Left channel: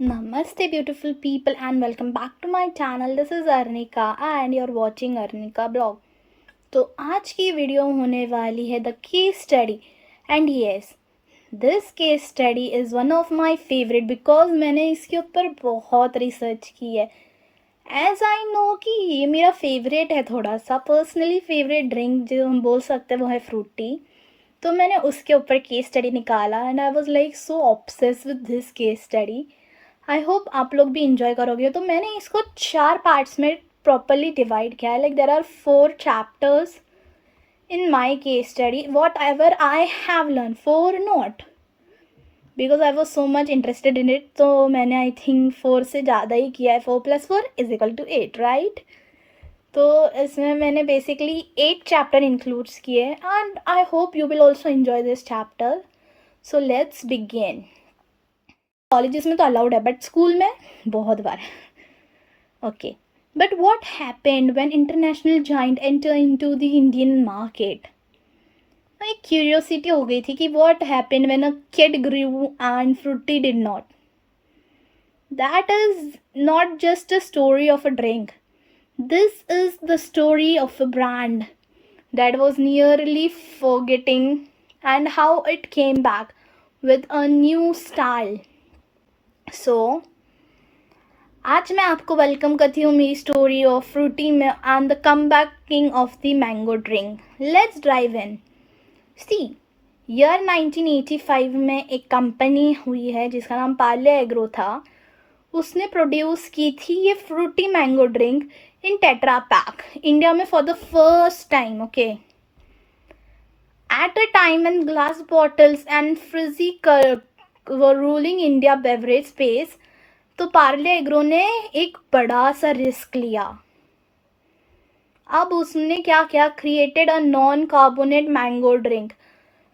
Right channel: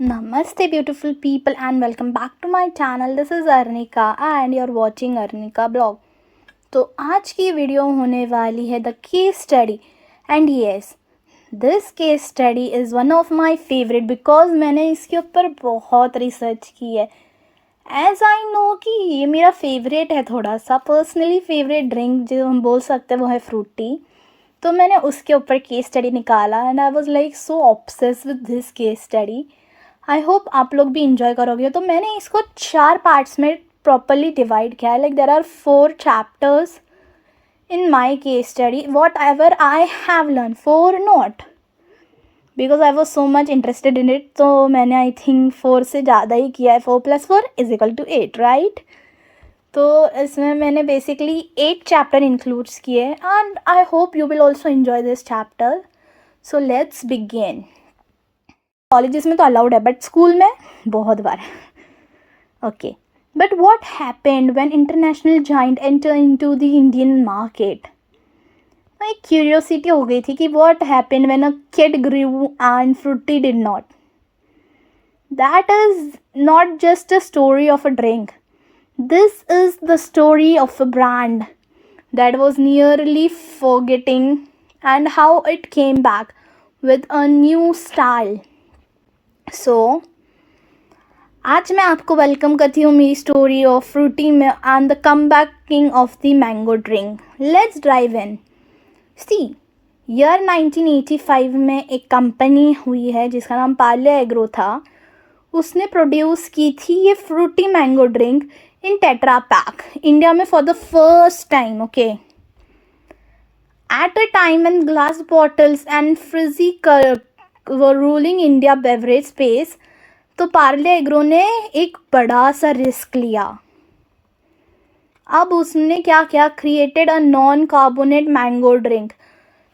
Namaste beautiful people and welcome back to my channel. This is Arnika and you're watching Arnika blog. तो आज की video होने वाली है the case study and yes this case study is one of my favourite because मैंने इसके ऊपर बहुत रिसर्च की है. एज आई नो कि ये मेरा फेवरेट है, थोड़ा सा पर्सनली फेवरेट ड्रिंक जो हम बोल सकते हैं वो है फ्रूटी. तो मैंने उसके ऊपर केस स्टडी निकाला and I was like so obsess with this case study. I hope आप लोग भी इंजॉय करोगे. तो मैंने इसको 4 पार्ट्स में प्रॉपरली डिवाइड किया है. Like there are 4 chapters in my case study. Whatever I have learned, 4 not, because I was so much interested in it. तो मैंने I think 4 से ज़्यादा ही किया है. 4 + 4 = 8, right? तो इसमें मैंने बेसिकली 8 चैप्टर इंक्लूड्स किए and I hope you will also enjoy this chapter. So let's begin. Colleges में तो अलाउड है बट स्कूल में बहुत बार. Okay. But what happened when international giant entered into the Indian market? My curiosity हो गई थी कि what happened when a kid grew and fruity did not. That is not just a story of a drink. This is the story of a brand that was nearly forgetting and how it came back with a new style. So, आज मैं आपको welcome करती हूँ मेरी story of Frooti में and the come backing of the mango drink. Let's drive in. See, year 1985 में एक company हुई है जिसका नाम पार्ले एग्रो था. उसने प्रोड्यूस की थी ये Frooti mango drink in Tetra Pak India में for the first time. Okay. At a time when glass bottles and fizzy were ruling India beverage space, तो पार्ले एग्रो ने एक बड़ा सा रिस्क लिया. अब उसने क्या क्या created a non carbonate mango drink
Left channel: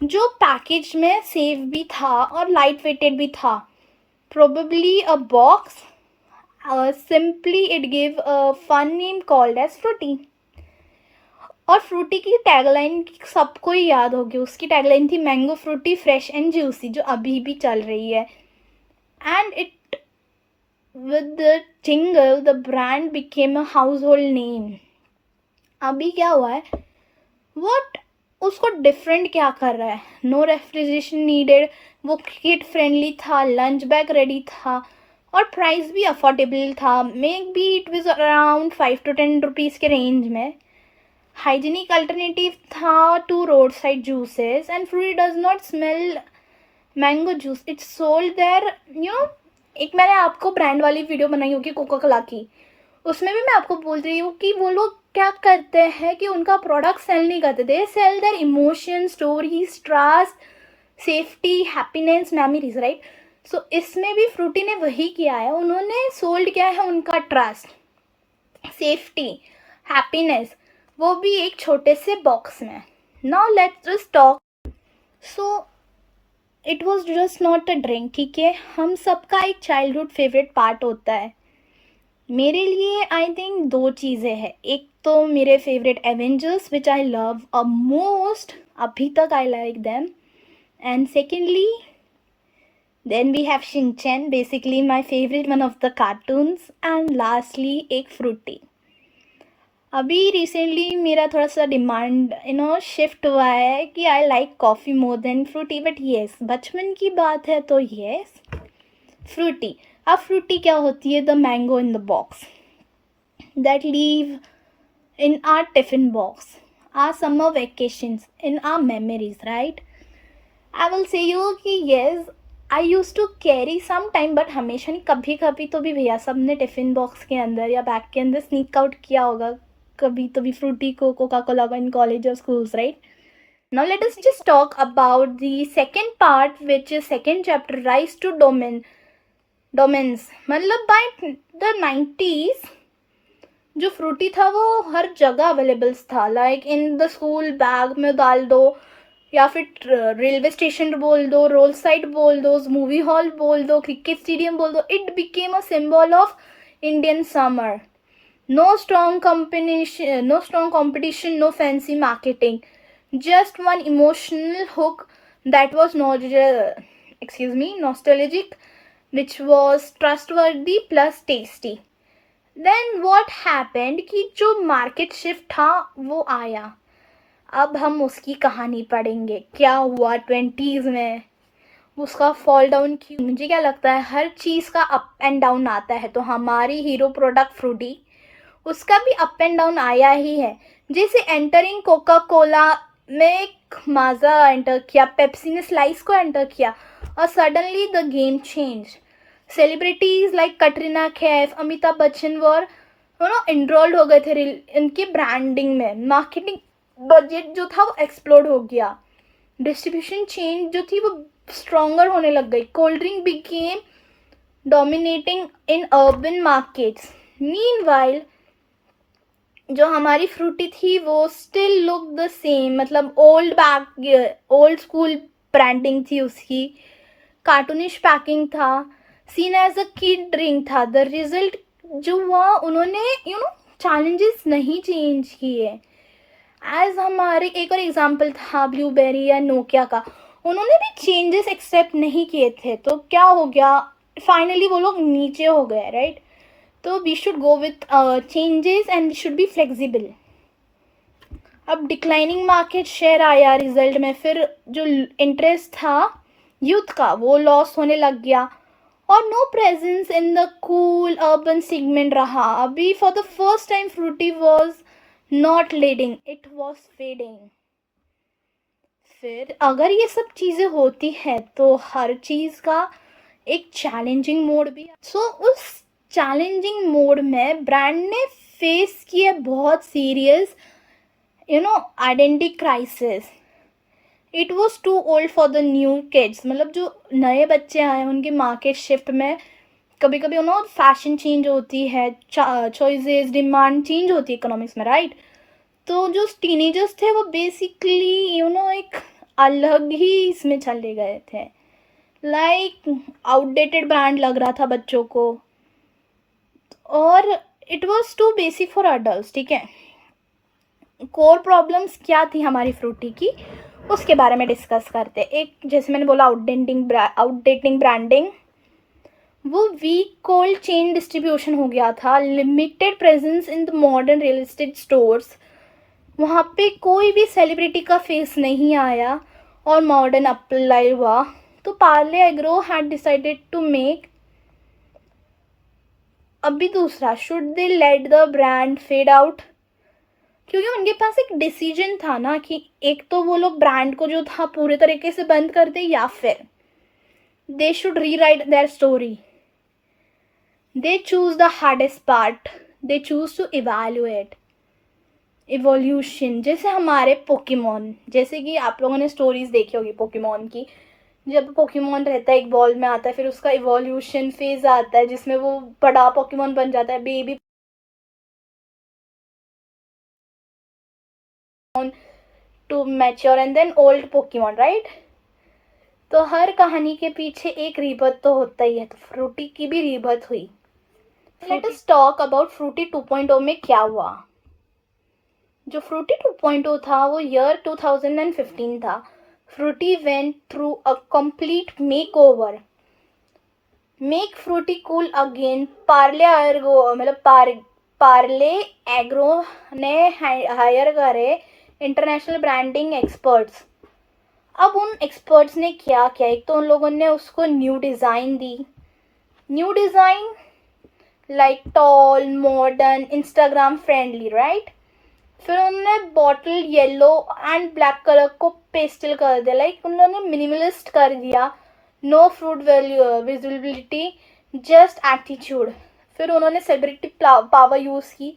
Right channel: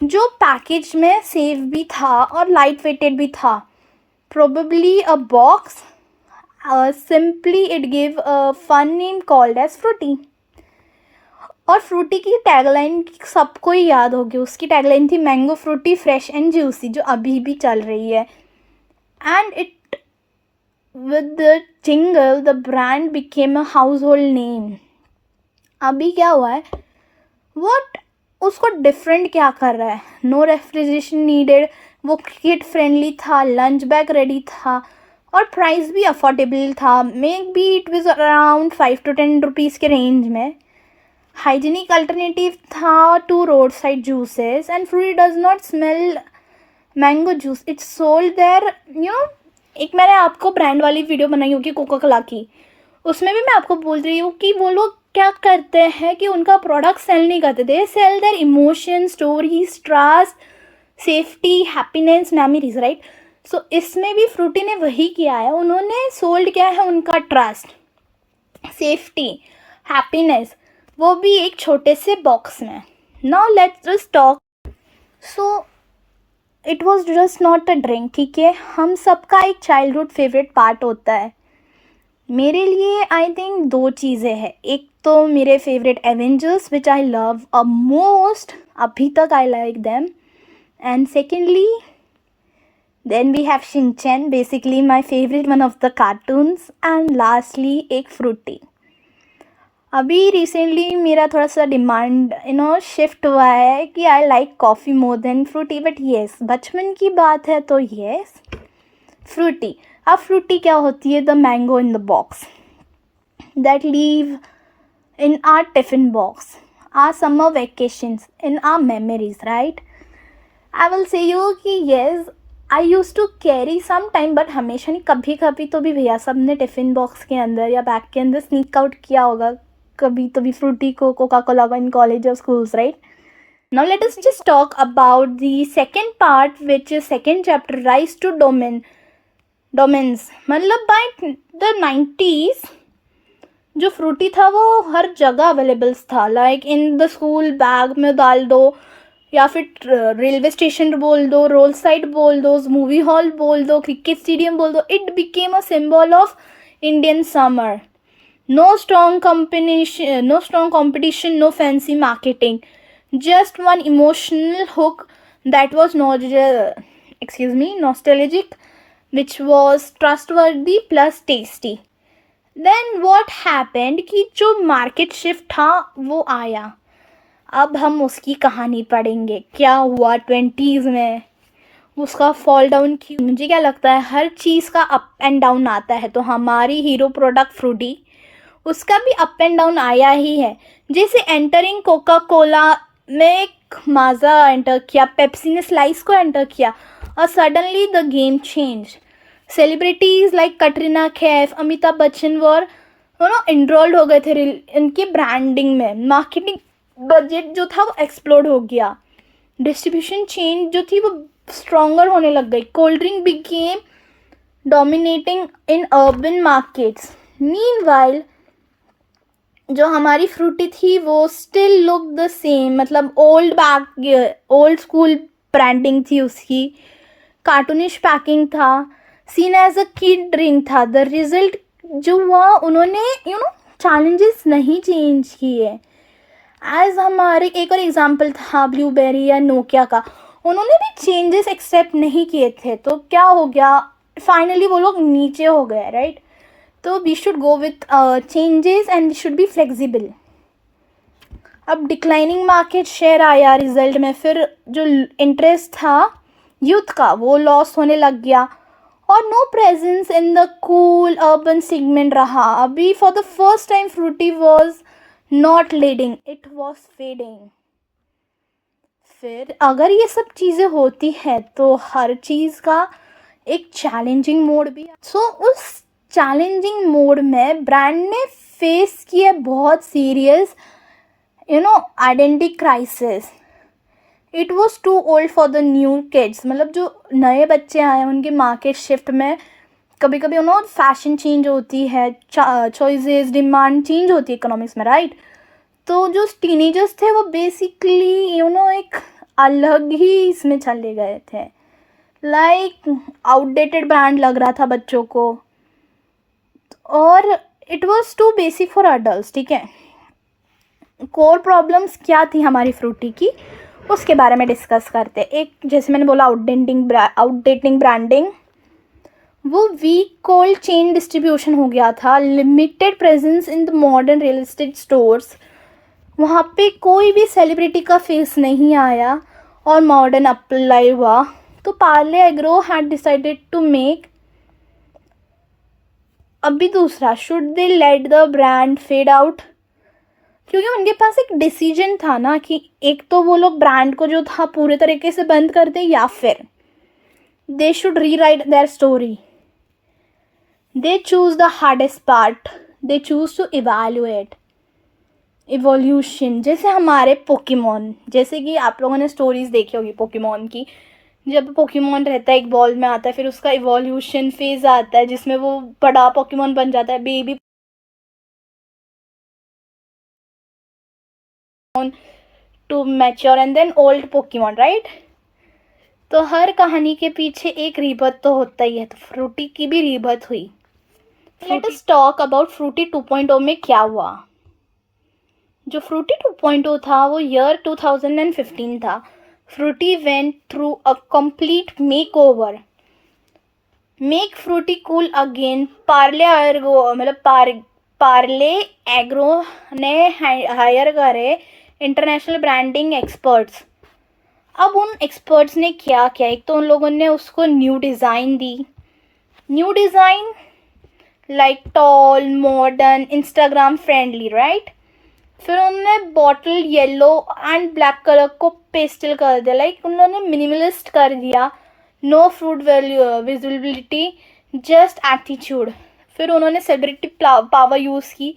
जो पैकेज में सेफ भी था और लाइट वेटेड भी था. Probably a box. Simply it give a fun name called as Frooti. और फ्रूटी की टैगलाइन सबको ही याद होगी. उसकी टैगलाइन थी mango Frooti fresh and juicy, जो अभी भी चल रही है. And it with the jingle the brand became a household name. अभी क्या हुआ है, what उसको डिफरेंट क्या कर रहा है. नो रेफ्रिजरेशन नीडेड, वो किड फ्रेंडली था, लंच बैग रेडी था और प्राइस भी अफोर्डेबल था. Maybe it was around 5 to 10 rupees के रेंज में. हाइजीनिक अल्टरनेटिव था to road side juices and Frooti does not smell mango juice. It's sold there. एक मैंने आपको ब्रांड वाली वीडियो बनाई होगी कोका कोला की, उसमें भी मैं आपको बोल रही हूँ कि वो लोग क्या करते हैं कि उनका प्रोडक्ट सेल नहीं करते. They sell their emotion, stories, trust, safety, happiness, memories, right. So इसमें भी फ्रूटी ने वही किया है. उन्होंने सोल्ड किया है उनका ट्रस्ट, सेफ्टी, हैप्पीनेस, वो भी एक छोटे से बॉक्स में. Now let's just talk. So it was just not a drink. ठीक है, हम सबका एक चाइल्डहुड फेवरेट पार्ट होता है. मेरे लिए आई थिंक 2 चीज़ें हैं. एक तो मेरे favourite Avengers which I love a most, अभी तक I like them. And secondly then we have Shinchan, basically my favourite one of the cartoons. And lastly एक फ्रूटी. अभी रिसेंटली मेरा थोड़ा सा डिमांड शिफ्ट हुआ है कि I like coffee more than Frooti. But yes, बचपन की बात है तो येस फ्रूटी. अब फ्रूटी क्या होती है? The mango in the box that live in our tiffin box, our summer vacations, in our memories, right. I will say you कि yes I use to carry some time, but हमेशा नहीं, कभी कभी तो भी भैया सब ने टिफ़िन बॉक्स के अंदर या बैग के अंदर स्नीक आउट किया होगा कभी तो भी फ्रूटी को, कोका कोला इन कॉलेज और schools, right. Now let us just talk about the second part, which is second chapter, rise to dominance. मतलब by the 90s जो फ्रूटी था वो हर जगह अवेलेबल था. Like in the school bag में डाल दो, या फिर रेलवे स्टेशन बोल दो, रोड साइड बोल दो, मूवी हॉल बोल दो, क्रिकेट स्टेडियम बोल दो. It became a symbol of Indian summer. No strong competition, no fancy marketing, just one emotional hook that was nostalgic which was trustworthy plus tasty. Then what happened कि जो market shift था वो आया. अब हम उसकी कहानी पढ़ेंगे. क्या हुआ 20s में, उसका फॉल डाउन क्यों. मुझे क्या लगता है हर चीज़ का अप एंड डाउन आता है, तो हमारी हीरो प्रोडक्ट फ्रूटी, उसका भी अप एंड डाउन आया ही है. जैसे एंटरिंग कोका कोला में एक माजा एंटर किया, पेप्सी ने स्लाइस को एंटर किया, और suddenly the game change. Celebrities like Katrina Kaif, Amitabh Bachchan were enrolled हो गए थे इनके ब्रांडिंग में. मार्केटिंग बजट जो था वो एक्सप्लोड हो गया. डिस्ट्रीब्यूशन चेन जो थी वो स्ट्रॉन्गर होने लग गई. Cold drink became dominating in urban markets. Meanwhile जो हमारी फ्रूटी थी वो स्टिल लुक द सेम, मतलब ओल्ड स्कूल ब्रांडिंग थी उसकी, कार्टूनिश पैकिंग था, seen as a kid drink था. द रिजल्ट जो हुआ, उन्होंने चैलेंजेस नहीं चेंज किए. एज हमारे एक और एग्जाम्पल था ब्लूबेरी या नोकिया का, उन्होंने भी चेंजेस एक्सेप्ट नहीं किए थे. तो क्या हो गया, फाइनली वो लोग नीचे हो गए, राइट. तो we should go with changes and should be flexible. अब डिक्लाइनिंग मार्केट शेयर आया रिजल्ट में. फिर जो इंटरेस्ट था यूथ का वो लॉस होने लग गया, और no presence in the cool urban segment रहा. अभी for the first time Frooti was not leading, it was fading. फिर अगर ये सब चीज़ें होती है तो हर चीज़ का एक चैलेंजिंग मोड भी. सो उस चैलेंजिंग मोड में ब्रांड ने फेस किया बहुत serious identity crisis. It was too old for the new kids, मतलब जो नए बच्चे आए हैं उनके मार्केट शिफ्ट में कभी कभी फैशन चेंज होती है, चॉइसेस डिमांड चेंज होती है इकोनॉमिक्स में, राइट. तो जो टीनेजर्स थे वो बेसिकली एक अलग ही इसमें चले गए थे. लाइक आउटडेटेड ब्रांड लग रहा था बच्चों को, और it was too basic for adult. ठीक है, कोर प्रॉब्लम्स क्या थी हमारी फ्रूटी की, उसके बारे में डिस्कस करते. एक जैसे मैंने बोला आउटडेटिंग ब्रांडिंग, वो वीक कोल्ड चेन डिस्ट्रीब्यूशन हो गया था. Limited presence in the modern real estate stores, वहाँ पे कोई भी सेलिब्रिटी का फेस नहीं आया और मॉडर्न अप्लाई हुआ. तो Parle Agro had decided to make. अभी दूसरा, should they let the brand fade out, क्योंकि उनके पास एक डिसीजन था ना कि एक तो वो लोग ब्रांड को जो था पूरे तरीके से बंद कर दे, या फिर they should rewrite their story. They choose the hardest part, they choose to evaluate evolution. जैसे हमारे पोकेमॉन, जैसे कि आप लोगों ने स्टोरीज देखी होगी पोकेमॉन की. जब पोकेमॉन रहता है एक बॉल में आता है, फिर उसका इवोल्यूशन फेज आता है जिसमें वो बड़ा पोकेमॉन बन जाता है, baby to mature and then old Pokemon, right. तो हर कहानी के पीछे एक रीबर्थ तो होता ही है, तो फ्रूटी की भी रीबर्थ हुई. Let us talk about Frooti 2.0 में क्या हुआ. जो फ्रूटी 2.0 था वो ईयर 2015 था. Frooti went through a complete makeover. Make Frooti cool again. Parle Agro ने हायर करे इंटरनेशनल ब्रांडिंग एक्सपर्ट्स. अब उन एक्सपर्ट्स ने क्या किया, एक तो उन लोगों ने उसको न्यू डिज़ाइन दी. New design like tall, modern, Instagram friendly, right. फिर उन्होंने bottle yellow and black colour को पेस्टल कर दिया, लाइक उन्होंने मिनिमलिस्ट कर दिया. No fruit visibility, just attitude. फिर उन्होंने सेलिब्रिटी पावर यूज़ की,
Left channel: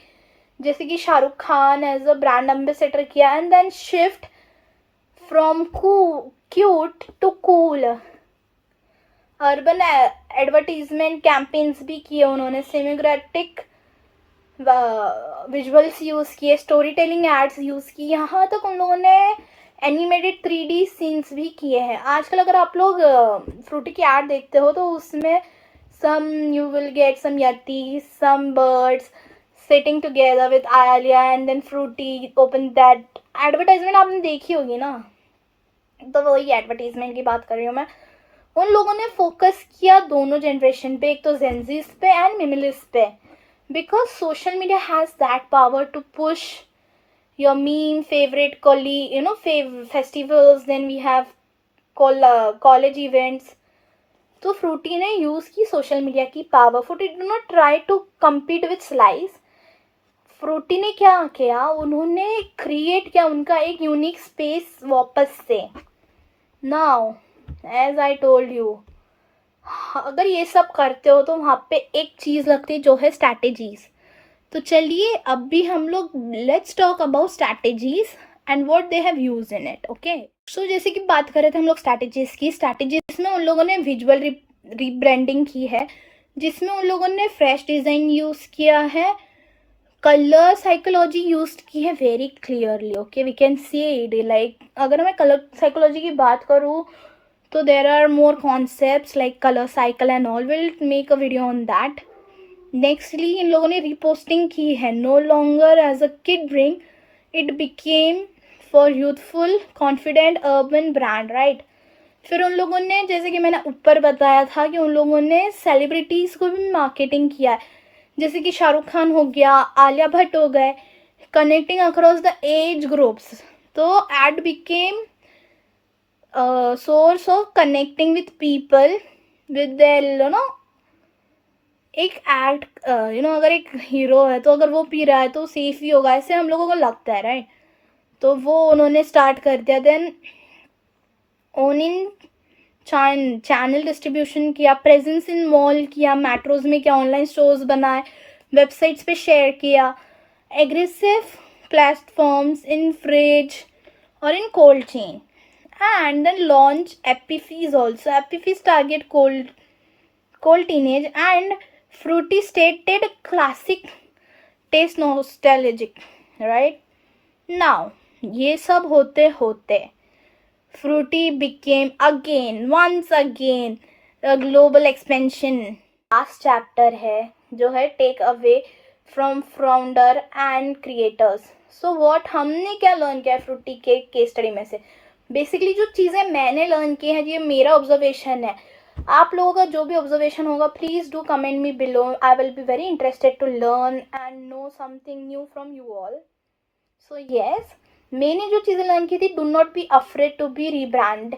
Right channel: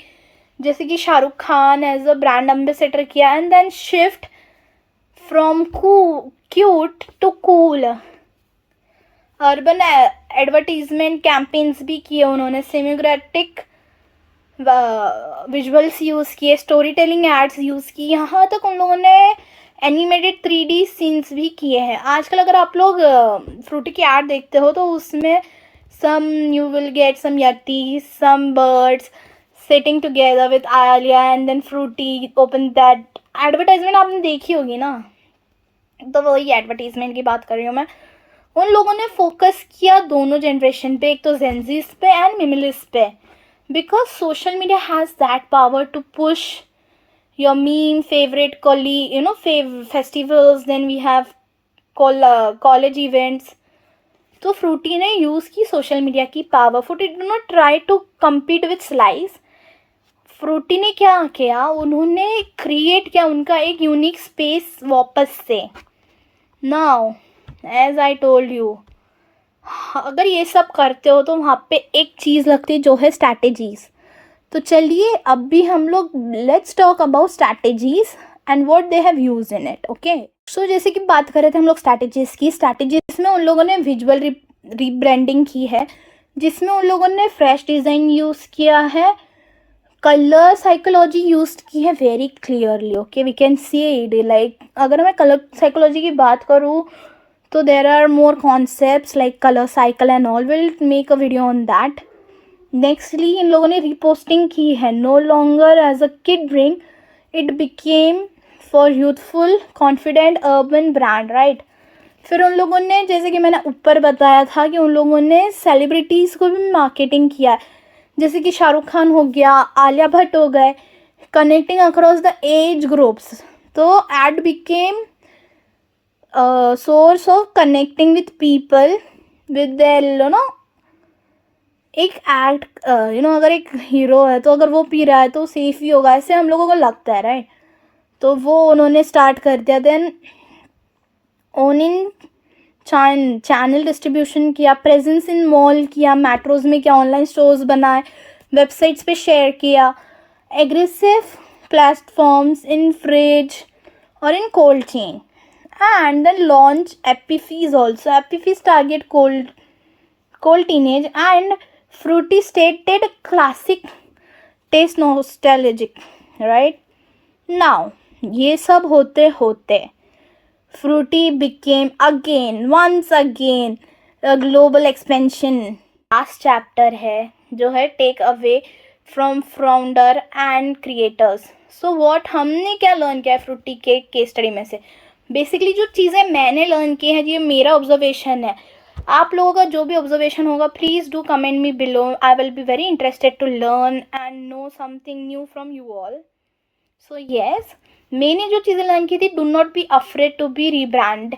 जैसे कि Shahrukh Khan as a brand ambassador किया. And then shift from cute to cool. Urban advertisement campaigns भी किए उन्होंने, सेमियोग्राफिक विजुअल्स यूज़ किए, स्टोरी टेलिंग एड्स यूज़ की. यहाँ तक उन लोगों ने एनिमेटेड 3D सीन्स भी किए हैं. आजकल अगर आप लोग फ्रूटी की एड देखते हो तो उसमें some you will get some yeti, some birds sitting together with Alia and then Frooti open that. Advertisement आपने देखी होगी ना, तो वही एडवर्टीजमेंट की बात कर रही हूँ मैं. उन लोगों ने फोकस किया दोनों जनरेशन पे, एक तो जेंजीज पे एंड मिमिलिस्ट पे, because social media has that power to push your meme favorite festivals. Then we have college events. तो फ्रूटी ने यूज की सोशल मीडिया की power. Frooti do not try to compete with Slice. Frooti ने क्या किया, उन्होंने create किया उनका एक यूनिक स्पेस वापस से. Now as I told you, अगर ये सब करते हो तो वहाँ पे एक चीज़ लगती है जो है स्ट्रैटेजीज. तो चलिए अब भी हम लोग let's talk about strategies and what they have use in it. Okay, so जैसे कि बात कर रहे थे हम लोग स्ट्रैटेजीज की. स्ट्रैटेजीज में उन लोगों ने विजुअल रीब्रांडिंग की है, जिसमें उन लोगों ने फ्रेश डिज़ाइन यूज़ किया है, कलर साइकोलॉजी यूज की है very clearly. Okay, we can see it. Like अगर मैं कलर साइकोलॉजी की बात करूँ तो there are more concepts like colour cycle and all. Will make a video on that. Nextly इन लोगों ने रिपोस्टिंग की है. No longer as a kid drink, it became for youthful confident urban brand, right. फिर उन लोगों ने, जैसे कि मैंने ऊपर बताया था, कि उन लोगों ने सेलिब्रिटीज़ को भी मार्केटिंग किया है, जैसे कि शाहरुख खान हो गया, आलिया भट्ट हो गए, connecting across the age groups. तो ad became source of connecting with people with their एक एक्ट. अगर एक हीरो है तो अगर वो पी रहा है तो सेफ ही होगा, ऐसे हम लोगों को लगता है, राइट. तो वो उन्होंने स्टार्ट कर दिया. Then own in channel distribution किया, प्रेजेंस इन मॉल किया, मेट्रोज में किया, ऑनलाइन स्टोर्स बनाए, वेबसाइट्स पे शेयर किया, एग्रेसिव प्लेटफॉर्म्स इन फ्रिज और in cold chain, and then launch Appy Fizz also. Appy Fizz target cold teenage, and fruity stated classic taste nostalgic, right. Now ये सब होते होते fruity became once again a global expansion. Last chapter है जो है take away from founder and creators. So what हमने क्या learn किया है फ्रूटी के केस स्टडी में से. बेसिकली जो चीज़ें मैंने लर्न की है, ये मेरा ऑब्जर्वेशन है. आप लोगों का जो भी ऑब्जर्वेशन होगा please do comment me below. I will be very interested to learn and know something new from you all. So yes, मैंने जो चीज़ें लर्न की थी, do not be afraid to be rebrand.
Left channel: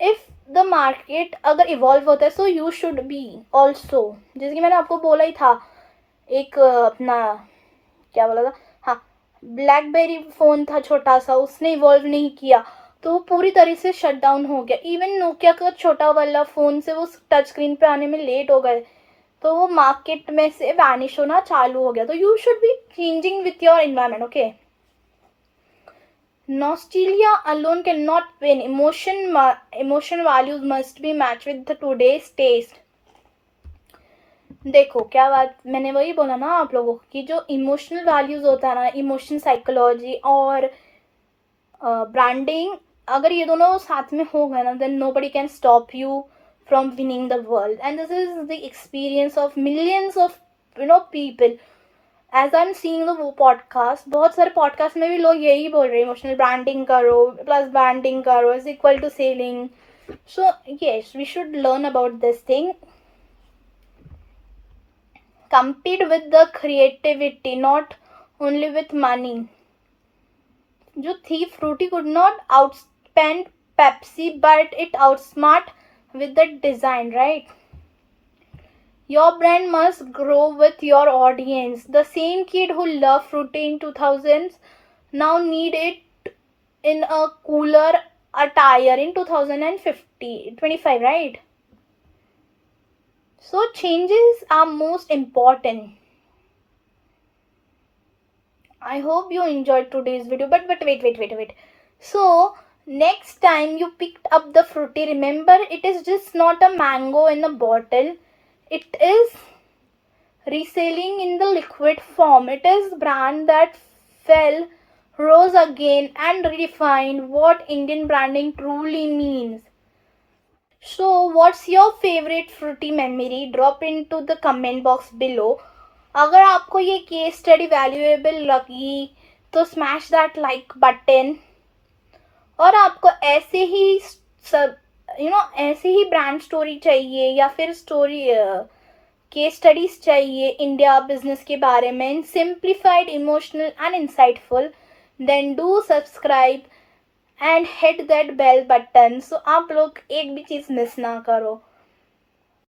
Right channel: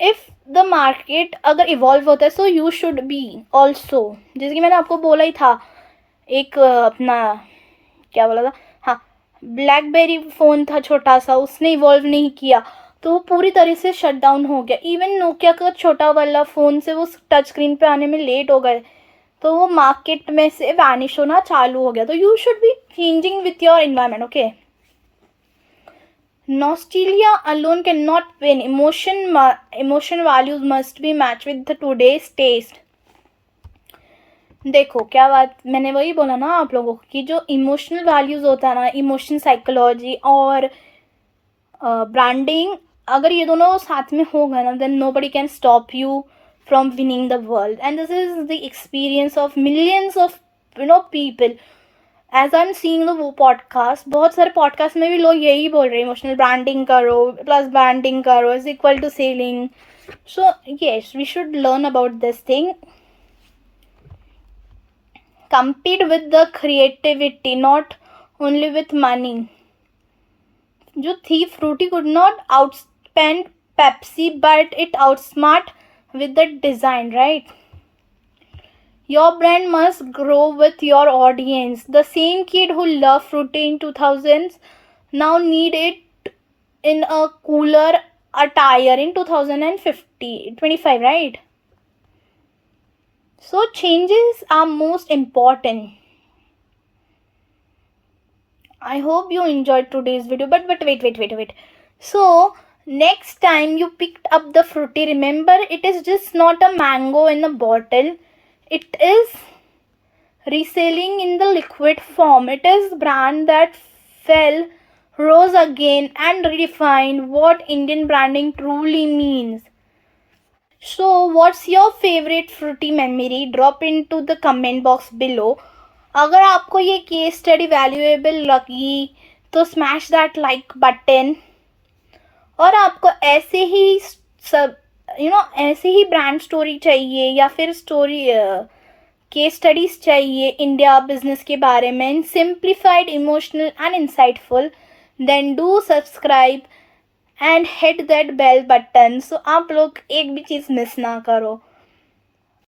If the market अगर evolve होता है so you should be also. जैसे कि मैंने आपको बोला ही था, एक अपना क्या बोला था, हाँ, ब्लैकबेरी फ़ोन था छोटा सा, उसने इवॉल्व नहीं किया तो वो पूरी तरह से शट डाउन हो गया. इवन नोकिया का छोटा वाला फ़ोन से वो टच स्क्रीन पे आने में लेट हो गए, तो वो मार्केट में से वैनिश होना चालू हो गया. तो you should be changing with your environment. Okay, nostalgia alone cannot win. Emotion values must be matched with the today's taste. देखो क्या बात, मैंने वही बोला ना आप लोगों को कि जो इमोशनल वैल्यूज होता है ना, इमोशन साइकोलॉजी और ब्रांडिंग, अगर ये दोनों साथ में होगा ना, then nobody can stop you from winning the world. And this is the experience of millions of people. As I am seeing वो पॉडकास्ट, बहुत सारे पॉडकास्ट में भी लोग यही बोल रहे हैं, इमोशनल ब्रांडिंग करो प्लस ब्रांडिंग करो is equal to selling. So yes, we should learn about this thing. Compete with the creativity, not only with money. जो थी Frooti could not outspend Pepsi, but it outsmart with the design, right. Your brand must grow with your audience. The same kid who loved fruity in 2000s now need it in a cooler attire in 2025, right. So changes are most important. I hope you enjoyed today's video, but wait. So next time you picked up the fruity, remember it is just not a mango in a bottle. It is reselling in the liquid form. It is brand that fell, rose again and redefined what Indian branding truly means. So what's your favorite fruity memory? Drop into the comment box below. अगर आपको ये case study valuable लगी तो smash that like button. और आपको ऐसे ही सब ऐसे ही ब्रांड स्टोरी चाहिए या फिर स्टोरी केस स्टडीज चाहिए इंडिया बिजनेस के बारे में, simplified, emotional and insightful, then do subscribe and hit that bell button, so आप लोग एक भी चीज़ मिस ना करो.